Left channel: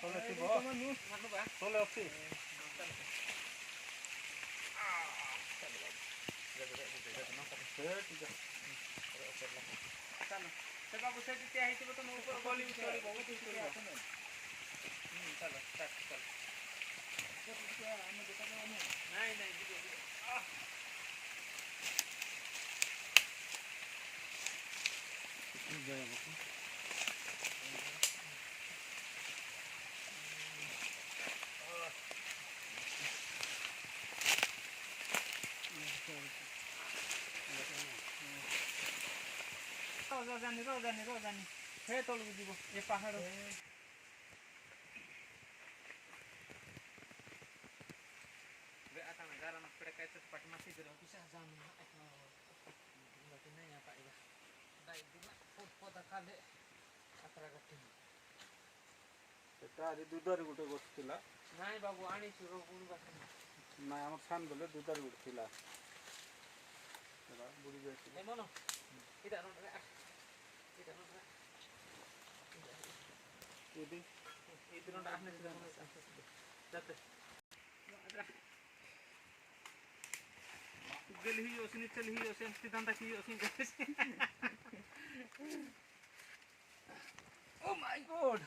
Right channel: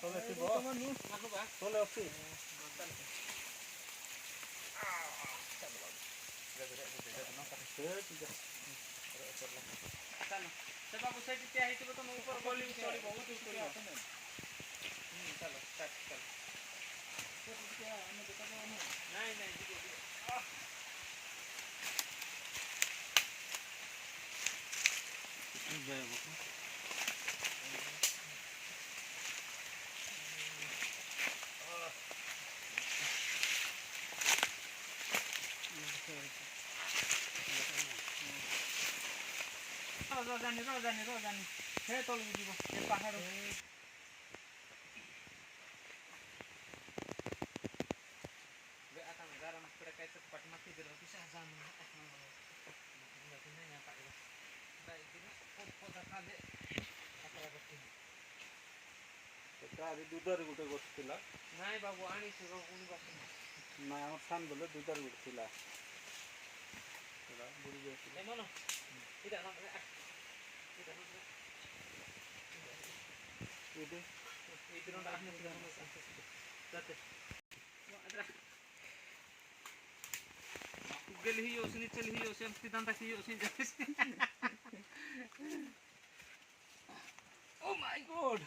Tole tiba. Tole opsi. ସେ ବାବୁ ସେଠି ଠିଆ ହେଇଥିବ ତମ ଉପର ଗଳି ଉତରିବ ବହୁତ ଉତରିବ ଚାଲ ଷ୍ଟାର୍ଟ ଚାଲ ନାଇଁ ନାଇଁ ଯିବ रोजानी हे तलକୁ ଯିବ ଏ ପାହାଡ଼ आता गाराम कडे काय तर पाठ माती दिलं पिसा जाम बाकी नाही पाहिला बाई दिन पोता खाले अकरा गट्टी ସେଟା ଆଜି ଦୁଧରେ ଗୋଟେ ବସିଥିଲା ନାଇଁ ବାବୁ ଆଣିଛି କୋଉଠି ବାସନ ନାଇଁ ଆମର ସାନ ବେଲେ ଦୁଧରେ ଗୋଟେ ଥିଲା ସେଟା ବୁଡ଼ି ଯାଇଥିଲା ଏ ମନ ଏଇଟା ନ ଏଇଠି এই দিনটা আপনি যাতে गेली ही ओसनी चली ही ओसन सिद्धांत की ओसन ओ माय गॉड